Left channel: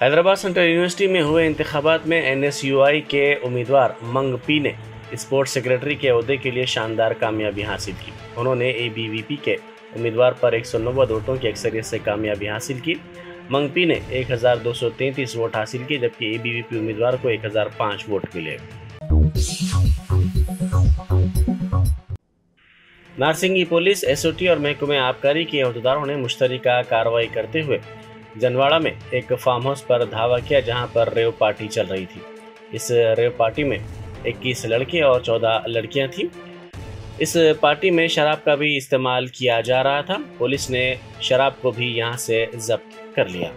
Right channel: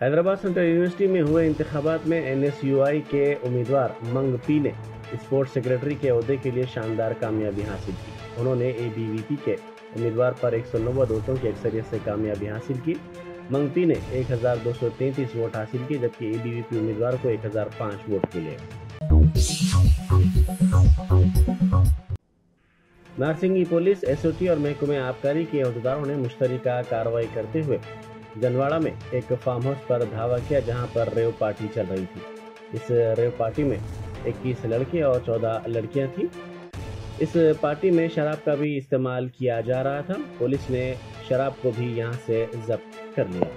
Hyderabad central university में हुए इंतखाबात में NSUI के उम्मीदवार मंग पी ने स्पोर्ट्स सेक्रेटरी के ओहदे के लिए शानदार कामयाबी हासिल की। उन्होंने ABVP के उम्मीदवार पर 190 वोटों की अक्सरियत से कामयाबी हासिल की। मंग पी ने 1233 वोट हासिल की, जबकि ABVP उम्मीदवार को 1005 वोट मिले। नारसिंगी पुलिस, SOT और महकमे आबकारी के अहदेदारों ने मुश्तरका कार्रवाई करते हुए जनवाड़ा में एक फार्म हाउस पर धावा किया, जहां पर रेव पार्टी चल रही थी। इस रेव पार्टी में 21 लड़के और 14 लड़कियां थीं। इस पार्टी में शराब का भी इस्तेमाल किया जा रहा था। पुलिस ने शराब को भी यहां से जब्त कर लिया।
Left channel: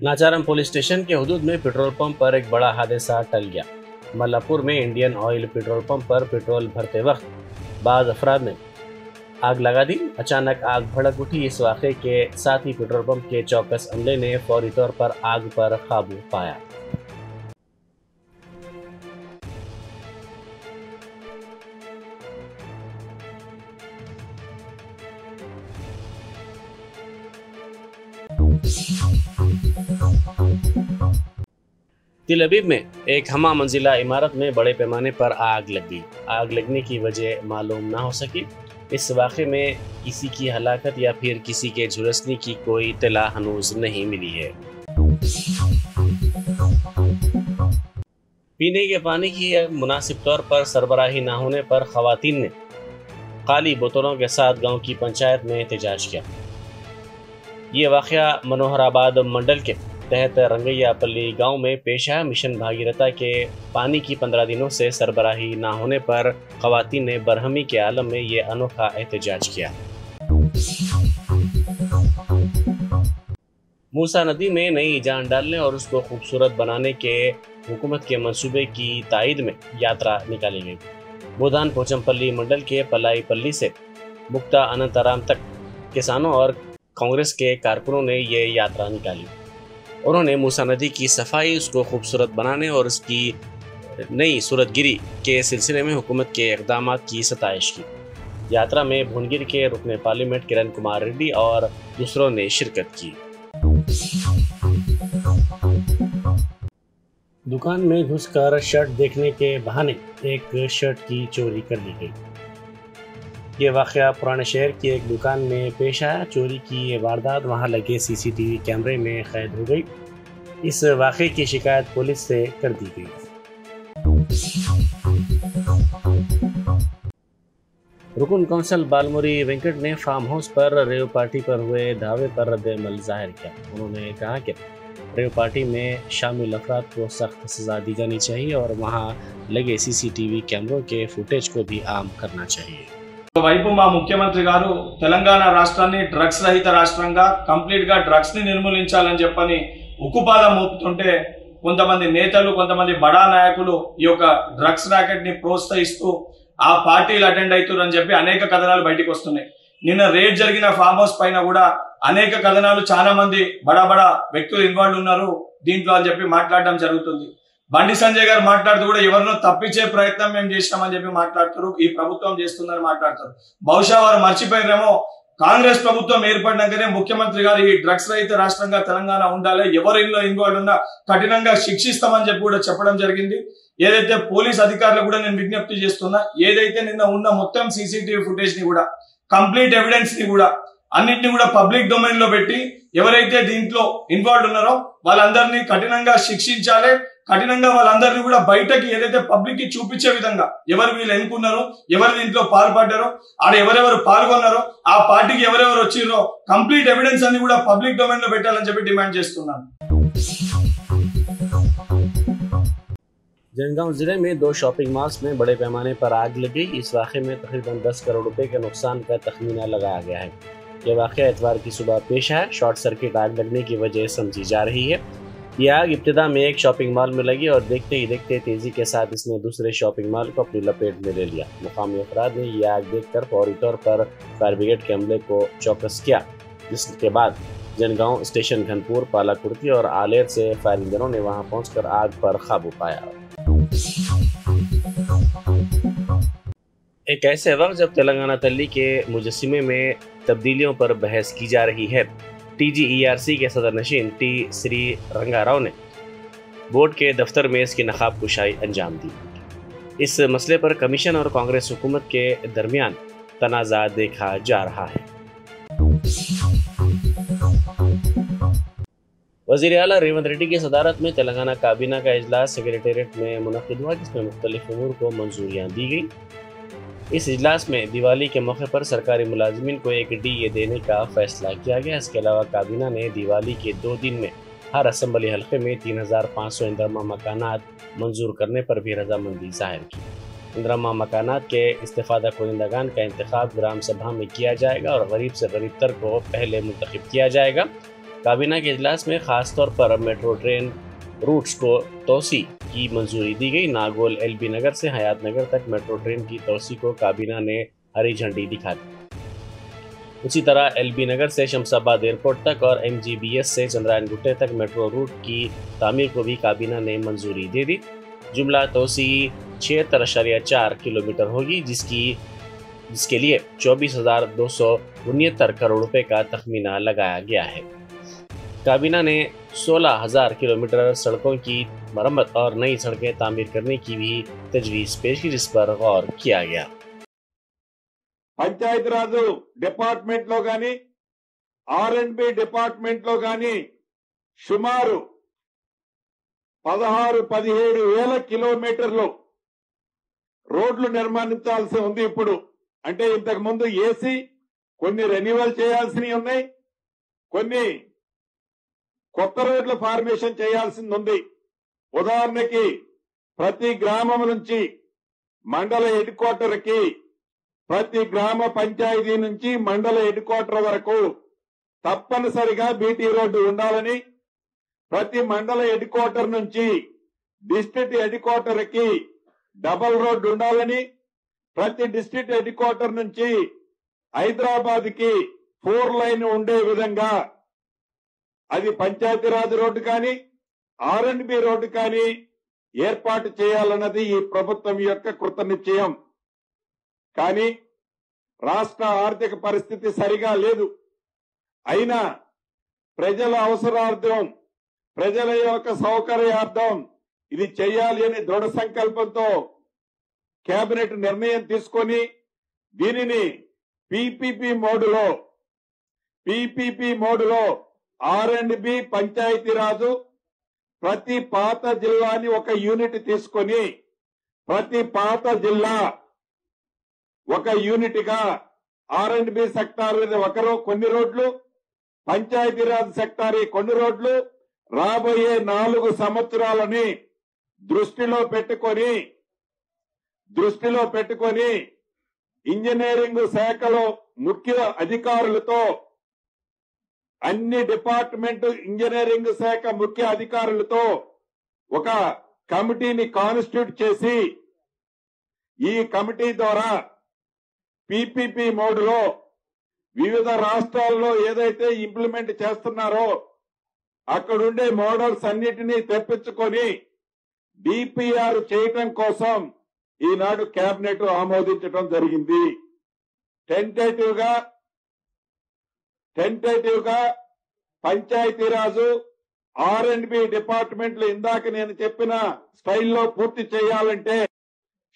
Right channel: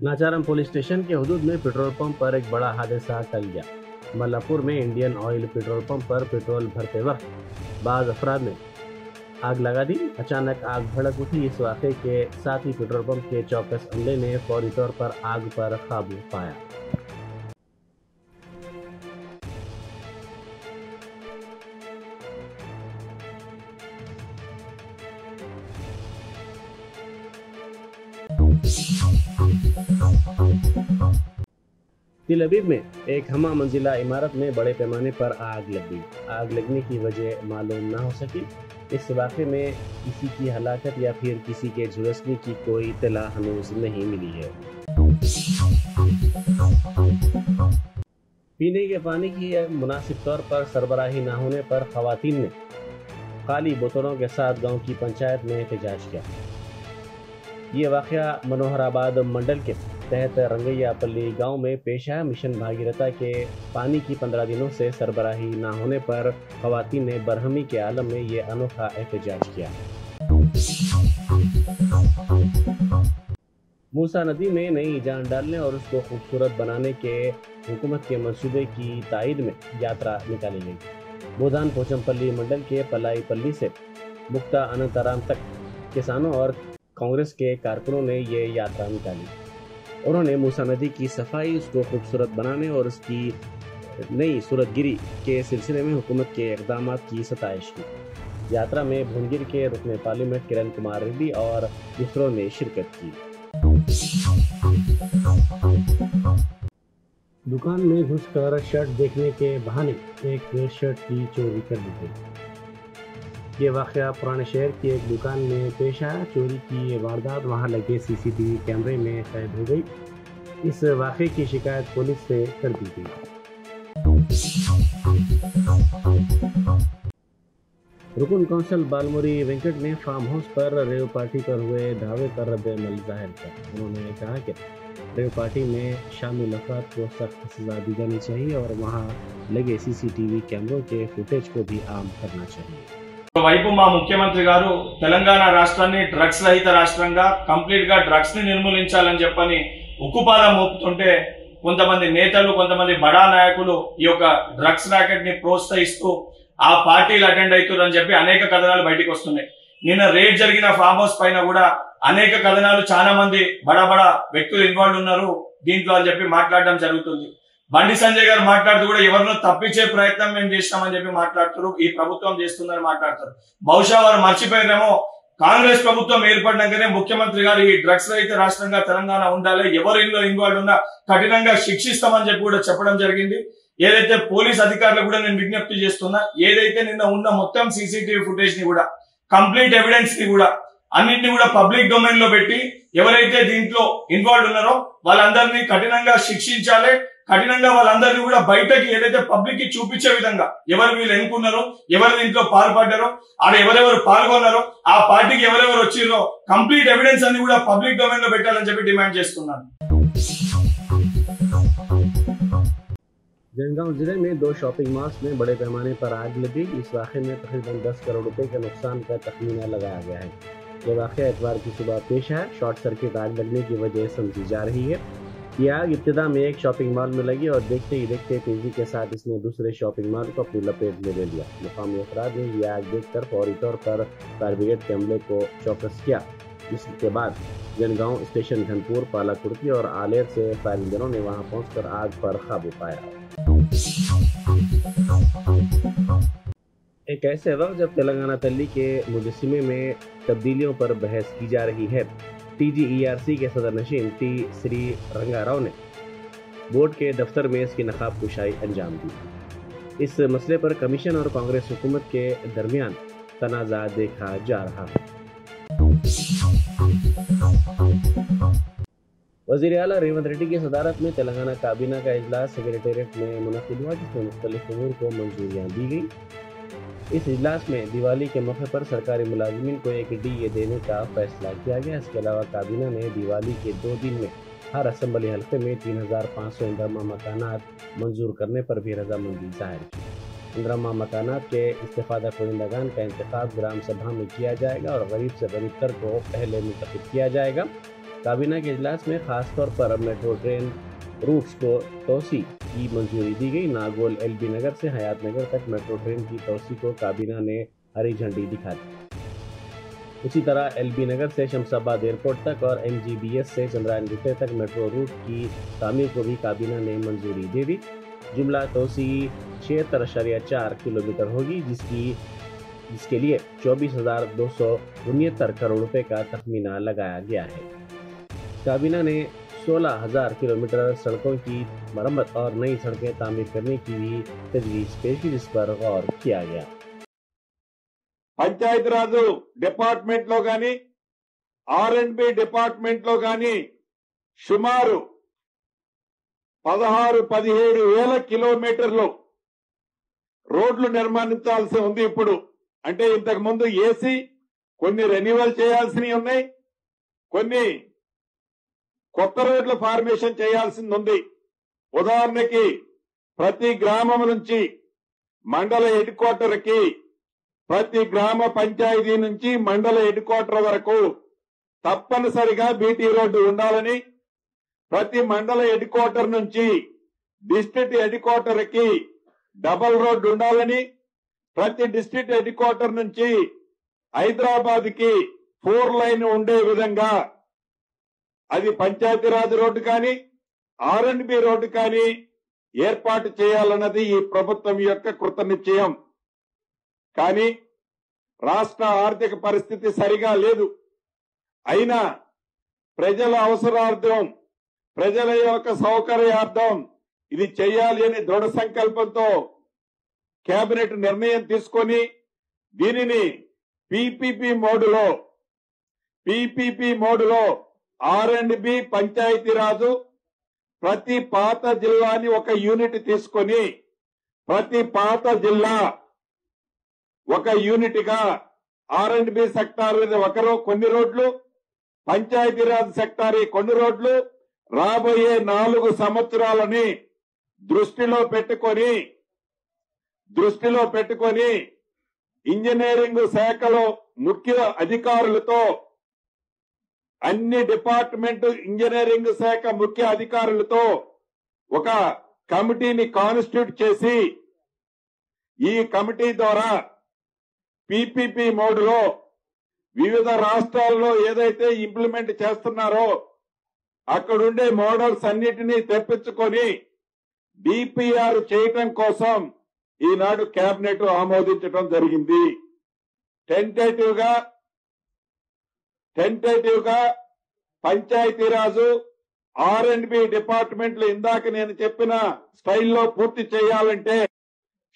नाचारम पुलिस स्टेशन के हुदूद में पेट्रोल पंप पर एक बड़ा हादसा टल गया। मल्लापुर में इंडियन ऑयल पेट्रोल पंप पर पेट्रोल भरते वक्त बाज़ अफराद ने आग लगा दी। अचानक आग भड़क उठी। इस वाक़े के साथ ही पेट्रोल पंप के चौकस अमले ने फौरी तौर पर आग पर काबू पाया। तिल अबीब में एक हमा मंजिला इमारत में बड़े पैमाने पर आग लग गई। आग लगने की वजह मालूम ना हो सकी। इस वाक़े में किसी की हलाकत या फिर किसी के झुलसने की कोई इत्तला हनूज नहीं मिली है। पीने के पानी की मुनासिब तौर पर सरबराही ना होने पर ख़वातीन ने खाली बोतलों के साथ गांव की पंचायत में एहतजाज किया। ये वाक़या मनोहराबाद मंडल के तहत रंगैया पल्ली गांव में पेश है। मिशन भागीरथा के पानी की 15 दिनों से सरबराही ना होने पर ख़वातीन ने बरहमी के आलम में ये अनोखा एहतजाज किया। मूसा नदी में नई जान डालने और उसको खूबसूरत बनाने के हुकूमत के मंसूबे की तायद में यात्रा निकाली गई। बोधान पोचमपल्ली मंडल के पलाई पल्ली से मुक्ता अनंतराम तक किसानों और कांग्रेस के कारकुनों ने ये यात्रा निकाली। उन्होंने मूसा नदी की सफाई, उसको खूबसूरत बनाने और उसकी नई सूरतगिरी के सिलसिले में हुकूमत के इक़दामात की सताइश की। यात्रा में भुनगिर के रुकने पार्लियामेंट किरण कुमार रेड्डी और दूसरों ने शिरकत की। दुकान में घुसकर शर्ट देखने के बहाने एक शर्ट की चोरी कर ली गई। ये वाक़या पुराने शहर की एक दुकान में पेश आया। चोरी की ये वारदात वहां लगे CCTV कैमरे में कैद हो गई। इस वाक़े की शिकायत पुलिस से कर दी गई। रुकन कौंसल बालमुरी वेंकट ने फार्म हाउस पर रेव पार्टी पर हुए दावे पर रद्द-ए-अमल जाहिर किया। उन्होंने कहा कि रेव पार्टी में शामिल अफराद को सख्त सजा दी जानी चाहिए और वहां लगे CCTV कैमरों के फुटेज को भी आम करना चाहिए। వైపు మా ముఖ్యమంత్రి గారు తెలంగాణ రాష్ట్రాన్ని డ్రగ్స్ రహిత రాష్ట్రంగా కంప్లీట్ గా డ్రగ్స్ ని నిర్మూలించాలని చెప్పని ఉక్కుపాదం మోపుతుంటే కొంతమంది నేతలు, కొంతమంది బడా నాయకులు ఈ యొక్క డ్రగ్స్ ర్యాకెట్ ని ప్రోత్సహిస్తూ ఆ పార్టీలు అటెండ్ అవుతారని చెప్పి అనేక కథనాలు బయటకు వస్తున్నాయి. నిన్న రేడ్ జరిగిన ఫామ్ హౌస్ పైన కూడా అనేక కథనాలు, చాలా మంది బడా బడా వ్యక్తులు ఇన్వాల్వ్ ఉన్నారు దీంట్లో అని చెప్పి మాట్లాడడం జరుగుతుంది. బండి సంజయ్ గారు మాట్లాడుతూ కూడా ఎవరినో తప్పించే ప్రయత్నం మేము చేసినామని చెప్పి మాట్లాడుతారు, ఈ ప్రభుత్వం చేస్తుందని మాట్లాడతారు. బహుశా వారు మర్చిపోయారేమో, కాంగ్రెస్ ప్రభుత్వం ఏర్పడినాకనే ముఖ్యమంత్రి గారు ఈ డ్రగ్స్ రహిత రాష్ట్రంగా తెలంగాణ ఉండాలి, ఎవరు ఇందులో ఇన్వాల్వ్ ఉన్నా కఠినంగా శిక్షిస్తామని చెప్పి కూడా చెప్పడం జరిగింది. ఏదైతే పోలీస్ అధికారులు కూడా నేను విజ్ఞప్తి చేస్తున్నా, ఏదైతే నిన్న ఉన్న మొత్తం CCTV ఫుటేజ్ ని కూడా, కంప్లీట్ ఎవిడెన్స్ ని కూడా అన్నింటినీ కూడా పబ్లిక్ డొమైన్ లో పెట్టి ఎవరైతే దీంట్లో ఇన్వాల్వ్ ఉన్నారో వాళ్ళందరినీ కఠినంగా శిక్షించాలి. కఠినంగా వాళ్ళందరినీ కూడా బయటకి ఏదైతే పబ్లిక్ కి చూపించే విధంగా ఎవరు వీళ్ళు ఎన్నుకున్నారో, ఎవరు దీంట్లో పాల్పడ్డారో, ఆడ ఎవరెవరు పాల్గొన్నారో, ఆ పార్టీకి ఎవరెవరు వచ్చిరో కంప్లీట్ ఎవిడెన్స్ అన్ని కూడా పబ్లిక్ డొమైన్ లో పెట్టాలని చెప్పి డిమాండ్ చేస్తున్నాను. जनगांव जिले में 2 शॉपिंग मॉल्स में बड़े पैमाने पर आग लगी। इस वाक़े में तकरीबन 10 करोड़ रुपए के नुकसान का तखमीना लगाया गया है। ये वाक़या इतवार की सुबह पेश है। शॉर्ट सर्किट आग लगने की वजह समझी जा रही है। ये आग इब्तिदा में एक शॉपिंग मॉल में लगी और देखते ही देखते तेजी के साथ इसने दूसरे शॉपिंग मॉल को अपनी लपेट में ले लिया। मुकामी अफराद ने ये आग देखकर फौरी तौर पर फायर ब्रिगेड के अमले को चौकस किया, जिसके बाद जनगांव स्टेशन, घनपुर, पालाकुर्ती और आलेर से फायर इंजनों ने वहां पहुंचकर आग पर काबू पाया। ایک ایسے وقت جب تلنگانہ تلی کے مجسمے میں تبدیلیوں پر بحث کی جا رہی ہے، ٹی جی ای آر سی کے صدر نشین ٹی سری رنگا راؤ نے بورڈ کے دفتر میں اس کی نقاب کشائی انجام دی۔ اس مسئلے پر کمیشن اور کانگریس حکومت کے درمیان تنازع دیکھا جا رہا ہے۔ وزیر اعلیٰ ریونت ریڈی کی صدارت میں تلنگانہ کابینہ کا اجلاس سیکریٹریٹ میں منعقد ہوا، جس میں مختلف امور کو منظوریاں دی گئیں۔ اس اجلاس میں دیوالی کے موقع پر سرکاری ملازمین کو ایک ڈی اے دینے کا فیصلہ کیا گیا۔ اس کے علاوہ کابینہ نے دیوالی کے 2 دن میں ہر اسمبلی حلقے میں 3500 اندرمہ مکانات منظور کرنے پر بھی رضامندی ظاہر کی۔ اندرمہ مکانات کے استفادہ کنندگان کا انتخاب گرام سبھا میں کیا جائے گا اور غریب سے غریب تر کو پہلے منتخب کیا جائے گا۔ کابینہ کے اجلاس میں خاص طور پر میٹرو ٹرین روٹس کو توسیع کی منظوری دی گئی۔ ناگول ایل بی نگر سے حیات نگر تک میٹرو ٹرین کی توسیع کو کابینہ نے ہری جھنڈی دکھا دی۔ اسی طرح ایل بی نگر سے شمس آباد ایئرپورٹ تک اور ایم جی بی ایس سے چندرائن گٹے تک میٹرو روٹ کی تعمیر کو بھی کابینہ نے منظوری دے دی۔ جملہ توسیع 76.4 کلومیٹر ہوگی، جس کے لیے 24,269 کروڑ روپے کا تخمینہ لگایا گیا ہے۔ کابینہ نے 16,000 کلومیٹر سڑکوں کی مرمت اور نئی سڑکیں تعمیر کرنے کی بھی تجویز پیش کی، جس پر غور کیا گیا۔ పంచాయతీరాజు డిపార్ట్మెంట్ లో గాని R&B డిపార్ట్మెంట్ లో గాని సుమారు 16-17 వేల కిలోమీటర్లు రోడ్లు నిర్మించాల్సి ఉంది ఇప్పుడు. అంటే ఇంతకు ముందు ఏసీ కొన్ని రెన్యువల్ చేయాల్సినవి ఉన్నాయి, కొన్ని కొత్త రోడ్ల ఫార్మేషన్ చేయాల్సింది ఉంది. ఉదాహరణకి ప్రతి గ్రామం నుంచి మండల హెడ్ క్వార్టర్ కి, ప్రతి గ్రామ పంచాయతీ నుంచి మండల హెడ్ క్వార్టర్ వరకు తప్పనిసరిగా బీటీ రోడ్డు ఉండాలని, ప్రతి మండల హెడ్ క్వార్టర్ నుంచి డిస్ట్రిక్ట్ హెడ్ క్వార్టర్ కి డబుల్ రోడ్డు ఉండాలని, ప్రతి డిస్ట్రిక్ట్ హెడ్ క్వార్టర్ నుంచి హైదరాబాద్ కి 4 లైన్ ఉండే విధంగా అది పంచాయతీరాజ్ రోడ్డు కానీ R&B రోడ్డు కానీ ఏర్పాటు చేయాలన్నది ఈ ప్రభుత్వం యొక్క కృతనిశ్చయం. కానీ రాష్ట్ర ఆర్థిక పరిస్థితి సరిగా లేదు. అయినా ప్రజల అవసరార్థం, ప్రజల యొక్క సౌకర్యార్థం ఇది చేయాలి అని దృఢ సంకల్పంతో కేబినెట్ నిర్ణయం తీసుకొని దీనిని పీపీపీ మోడులో R&B పంచాయతీరాజు ప్రతి పాత జిల్లాని ఒక యూనిట్ తీసుకొని ప్రతి పాత జిల్లా ఒక యూనిట్ గా R&B సెక్టార్ కొన్ని రోడ్లు, పంచాయతీరాజ్ సెక్టార్ కొన్ని రోడ్లు రాబోయే 4 సంవత్సరాలని దృష్టిలో పెట్టుకొని ఇంజనీరింగ్ శాఖలో ముఖ్య అధికారులతో అన్ని డిపార్ట్మెంట్ ఇంజనీరింగ్ శాఖ ముఖ్య అధికారులతో ఒక కమిటీని కాన్స్టిట్యూట్ చేసి ఈ కమిటీ ద్వారా పీపీపీ మోడ్లో వివిధ రాష్ట్రాల్లో ఏదైతే ఇంప్లిమెంట్ చేస్తున్నారో అక్కడుండే మోడల్స్ అన్నిటినీ తెప్పించుకొని డిపిఆర్ చేయటం కోసం ఈనాడు కేబినెట్ ఆమోదించడం జరిగింది. టెంటేటివ్ గా పంచాయతీరాజు R&B డిపార్ట్మెంట్లు ఇందాక నేను చెప్పిన స్టైల్లో పూర్తి చేయాలంటే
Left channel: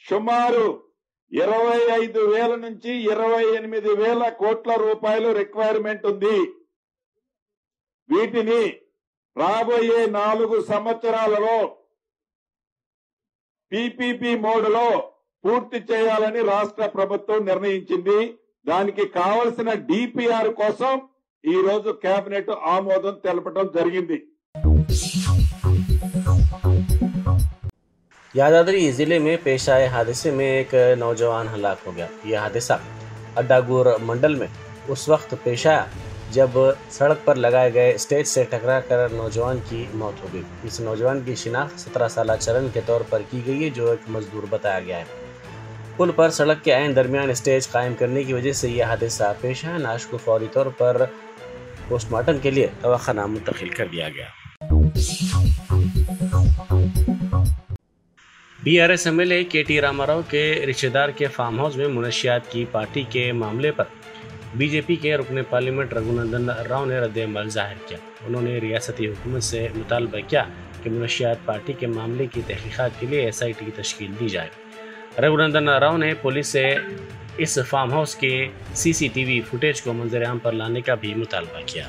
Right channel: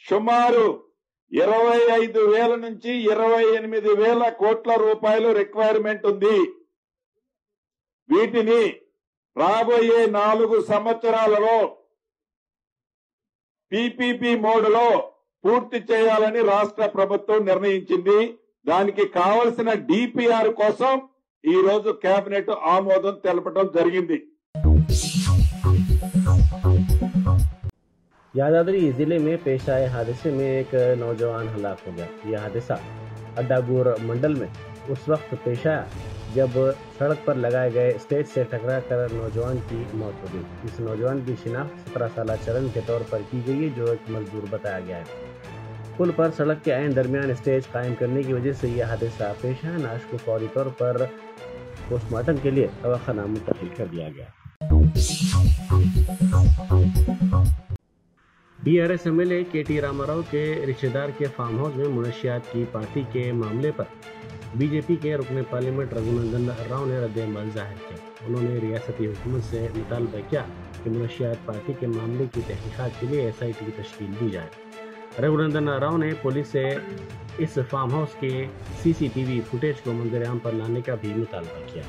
సుమారు 25,000 నుంచి 28,000 కోట్ల రూపాయలు రిక్వైర్మెంట్ ఉంది. వీటిని రాబోయే 4 సంవత్సరాలలో పీపీపీ మోడ్లో పూర్తి చేయాలని రాష్ట్ర ప్రభుత్వం నిర్ణయించింది. దానికి కావలసిన డిపిఆర్ కోసం ఈ రోజు కేబినెట్ ఆమోదం తెలపడం జరిగింది. यादाद्री जिले में पेश आए हादसे में एक नौजवान हलाक हो गया। यह हादसा अड्डागुर मंडल में उस वक्त पेश आया जब सड़क पर लगाए गए स्टेज से टकराकर नौजवान की मौत हो गई। इस नौजवान की शिनाख्त 17 साल चरण के तौर पर की गई है, जो एक मजदूर बताया गया है। पुल पर सड़क के ऐन दरमियान स्टेज कायम करने की वजह से यह हादसा पेश आया। नाश को फौरी तौर पर पोस्टमार्टम के लिए दवाखाना मुंतकिल कर दिया गया। बीआरएस एमएलए केटी रामाराव के रिश्तेदार के फार्म हाउस में मुनशियात की पार्टी के मामले पर बीजेपी के रुकन पार्लियामेंट रघुनंदन राव ने रद्द-ए-अमल जाहिर किया। उन्होंने रियासती हुकूमत से मुतालबा किया कि मुनशियात पार्टी के मामले की तहकीकात के लिए SIT की तश्कील दी जाए। रघुनंदन राव ने पुलिस से इस फार्म हाउस के CCTV फुटेज को मंजर-ए-आम पर लाने का भी मुतालबा किया।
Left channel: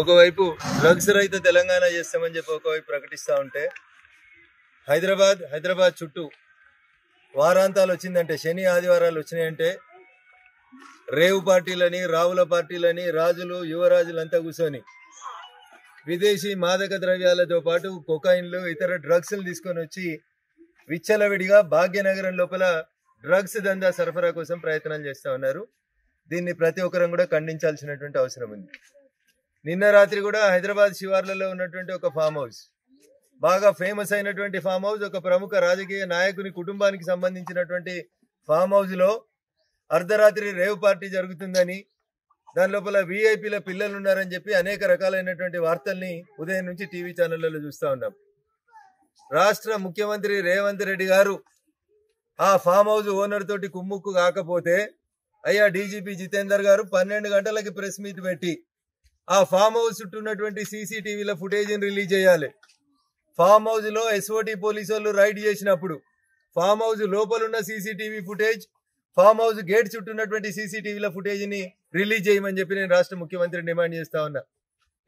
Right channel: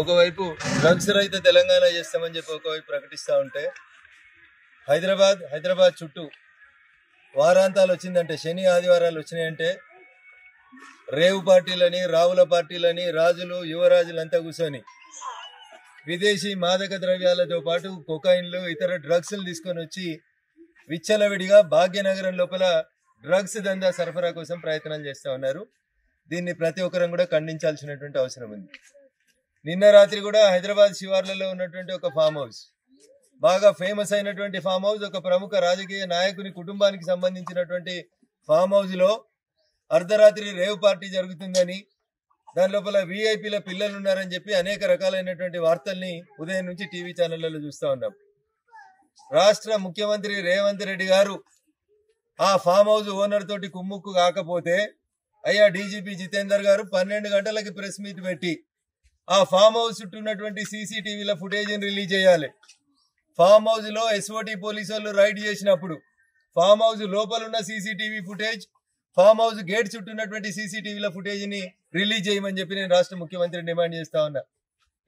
ఒకవైపు డ్రగ్స్ రహిత తెలంగాణ చేస్తామని చెప్పి ఒకవైపు ప్రకటిస్తూ ఉంటే హైదరాబాద్ చుట్టూ వారాంతాలు వచ్చిందంటే శని ఆదివారాలు వచ్చినాయంటే రేవు పార్టీలని రావుల పార్టీలని రాజులు యువరాజులంతా కూర్చొని విదేశీ మాదక ద్రవ్యాలతో పాటు కొకైన్లు ఇతర డ్రగ్స్లు తీసుకొని వచ్చి విచ్చలవిడిగా భాగ్యనగరం లోపల డ్రగ్స్ దందా సరఫరా కోసం ప్రయత్నాలు చేస్తూ ఉన్నారు. దీన్ని ప్రతి ఒక్కరం కూడా ఖండించాల్సినటువంటి అవసరం ఉంది. నిన్న రాత్రి కూడా హైదరాబాద్ శివార్లలో ఉన్నటువంటి ఒక ఫామ్ హౌస్, బాగా ఫేమస్ అయినటువంటి ఫామ్ హౌస్, ఒక ప్రముఖ రాజకీయ నాయకుని కుటుంబానికి సంబంధించినటువంటి ఫామ్ హౌస్లో అర్ధరాత్రి రేవ్ పార్టీ జరుగుతుందని, దాని లోపల VIPల పిల్లలు ఉన్నారని చెప్పి అనేక రకాలైనటువంటి వార్తల్ని ఉదయం నుంచి టీవీ ఛానళ్లలో చూస్తూ ఉన్నాం. రాష్ట్ర ముఖ్యమంత్రి రేవంత్ రెడ్డి గారు ఆ ఫామ్ హౌస్ ఓనర్ తోటి కుమ్ముక్కు కాకపోతే అయ్యా డీజీపీ జితేందర్ గారు 12 గంటలకి ప్రెస్ మీట్ పెట్టి ఆ ఫామ్ హౌస్ చుట్టూ ఉన్నటువంటి CCTVల ఫుటేజ్ని రిలీజ్ చేయాలి. ఫామ్ హౌస్ లో SOT పోలీసు వాళ్ళు రైడ్ చేసినప్పుడు ఫామ్ హౌస్ లోపల ఉన్న CCTV footage, farm house gate చుట్టూ ఉన్నటువంటి CCTVల ఫుటేజ్ ని రిలీజ్ చేయమని చెప్పి నేను రాష్ట్ర ముఖ్యమంత్రిని డిమాండ్ చేస్తా ఉన్నా.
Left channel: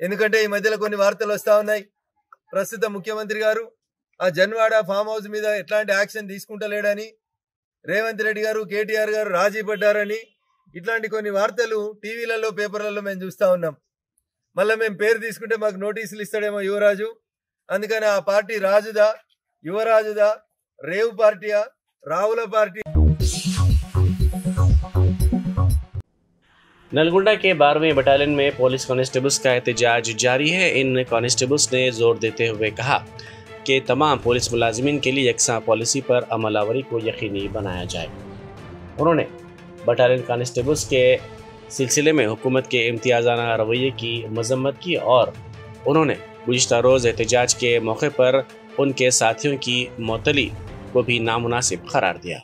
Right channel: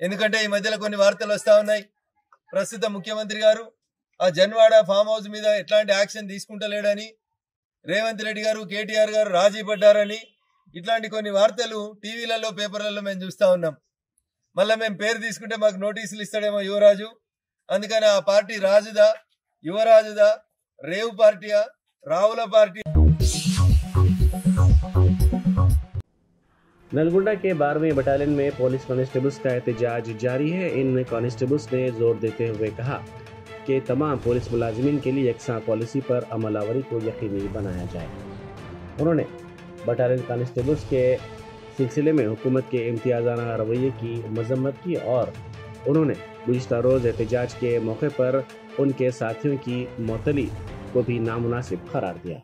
ఎందుకంటే ఈ మధ్యలో కొన్ని వార్తలు వస్తా ఉన్నాయి, ప్రస్తుత ముఖ్యమంత్రి గారు ఆ జన్వాడ ఫామ్ హౌస్ మీద ఎట్లాంటి యాక్షన్ తీసుకుంటలేడని, రేవంత్ రెడ్డి గారు KTR గారు రాజీ పడ్డారని, ఇట్లాంటి కొన్ని వార్తలు టీవీలలో పేపర్లలో మేము చూస్తా ఉన్నాం. మళ్ళీ మేము పేరు తీసుకుంటే మాకు నోటీసులు ఇస్తాడేమో యువరాజు. అందుకని ఆ పార్టీ రాజుదా, యువరాజుదా, రేవు పార్టీయా, రావుల పార్టీ? नलगुंडा के 12वें बटालियन में पुलिस कांस्टेबल्स का एहतजाज जारी है। इन कांस्टेबल्स ने जोर देते हुए कहा कि तमाम पुलिस मुलाजिमीन के लिए यकसा पॉलिसी पर अमलावरी को यकीनी बनाया जाए। उन्होंने बटालियन कांस्टेबल्स के सिलसिले में हुकूमत के इम्तियाज़ाना रवैये की मजम्मत की और उन्होंने गुज़िश्ता रोज़ एहतजाज के मौके पर उनके साथियों की मअतली को भी नामुनासिब करार दिया।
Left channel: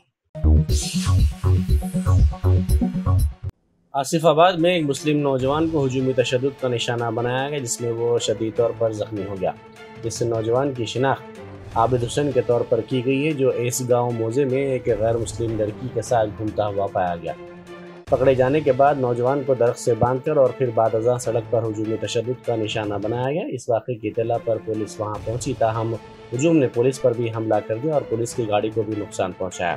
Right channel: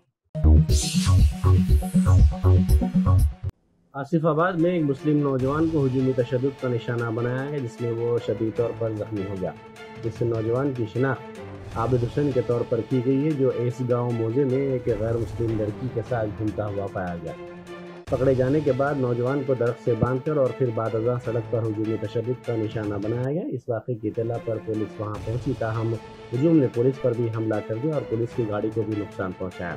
आसिफाबाद में एक मुस्लिम नौजवान को हुजूमी तशद्दुद का निशाना बनाया गया, जिसमें वो शदीद तौर पर जख्मी हो गया। इस नौजवान की शिनाख्त आबिद हुसैन के तौर पर की गई है, जो इस गांव मोजे में एक गैर मुस्लिम लड़की के साथ घूमता हुआ पाया गया। पकड़े जाने के बाद नौजवान को दरख्त से बांधकर और फिर बाद अज़ां सड़क पर हुजूमी तशद्दुद का निशाना बनाया गया। इस वाक़े की इत्तला पर पुलिस वहां पहुंची, ताहम हुजूम ने पुलिस पर भी हमला कर दिया और पुलिस की गाड़ी को भी नुकसान पहुंचाया।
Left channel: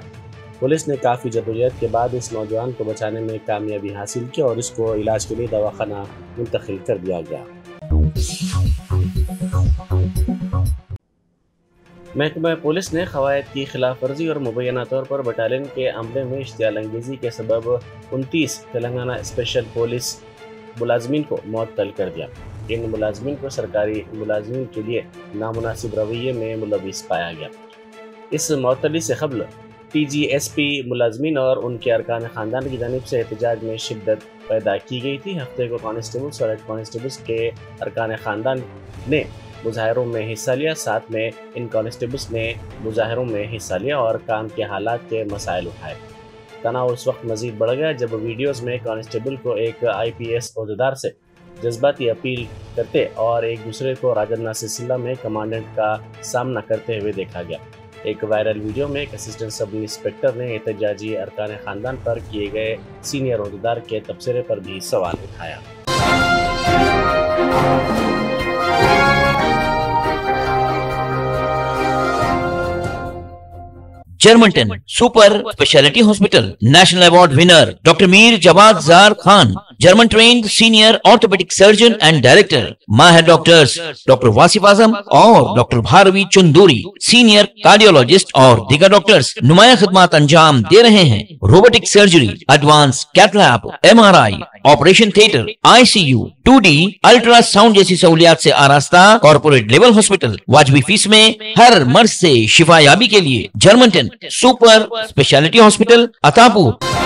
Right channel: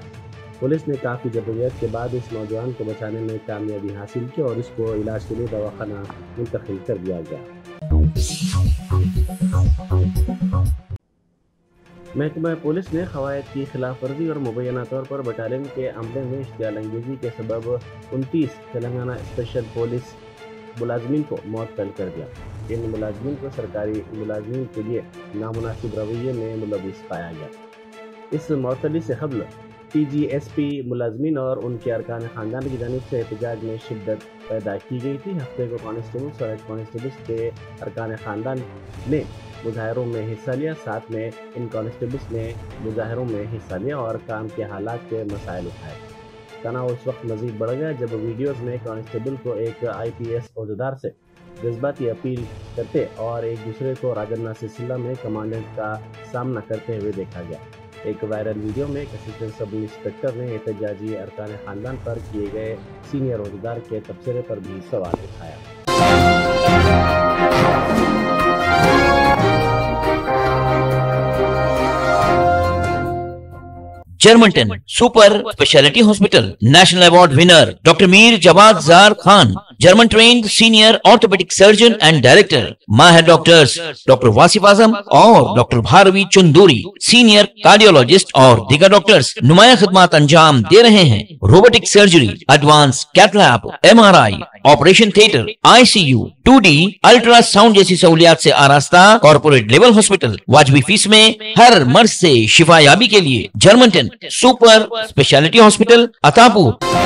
पुलिस ने काफ़ी जदोजहद के बाद इस नौजवान को बचाने में कामयाबी हासिल की और इसको इलाज के लिए दवाखाना मुंतकिल कर दिया गया। महकमा पुलिस ने क़वायद की खिलाफ वर्जी और मुबैना तौर पर बटालियन के अमले में इश्तियाल अंगेज़ी के सबब 29 तेलंगाना स्पेशल पुलिस मुलाजमीन को मुअत्तल कर दिया। इन मुलाजमीन को सरकारी मुलाजमीन के लिए नामुनासिब रवैये में मुलविस पाया गया। इस मुअत्तली से क़ब्ल TGSP मुलाजमीन और उनके अरकान ख़ानदान की जानिब से एहतजाज में शिद्दत पैदा की गई थी। हफ्ते को कांस्टेबल्स और हेड कांस्टेबल्स के अरकान ख़ानदान ने मुजाहरों में हिस्सा लिया। साथ में इन कांस्टेबल्स ने मुजाहरों में हिस्सा लिया और काम के हालात के मसाइल उठाए। तनाव उस वक्त मज़ीद बढ़ गया जब वीडियोज़ में कांस्टेबल को एक IPS ओहदेदार से जज्बाती अपील करते और एक दूसरे को राजन्ना सिलसिला में कमांडेंट का सामना करते हुए देखा गया। एक वायरल वीडियो में एक असिस्टेंट सब इंस्पेक्टर ने एहतजाजी अरकान ख़ानदान पर किए गए सीनियर ओहदेदार के तबसरे पर भी सवाल उठाया। Germanten super speciality hospital national award winner doctor Mir Jawad Jar Khan, German trained senior orthopaedic surgeon and director, माहिर डॉक्टर्स डॉक्टर वासिफ आजम और doctor Bharavi Chanduri, senior cardiologist और दीगर डॉक्टर्स नुमाया खिदमत अंजाम दे रहे हैं। Robotic surgery, advance cath lab, MRI, operation theatre, ICU, 2D ultrasound जैसी सहूलियात से आरास्ता कॉर्पोरेट लेवल हॉस्पिटल। वाजबी फीस में हर मर्ज से शिफायाबी के लिए Germanton super speciality hospital, Attapur.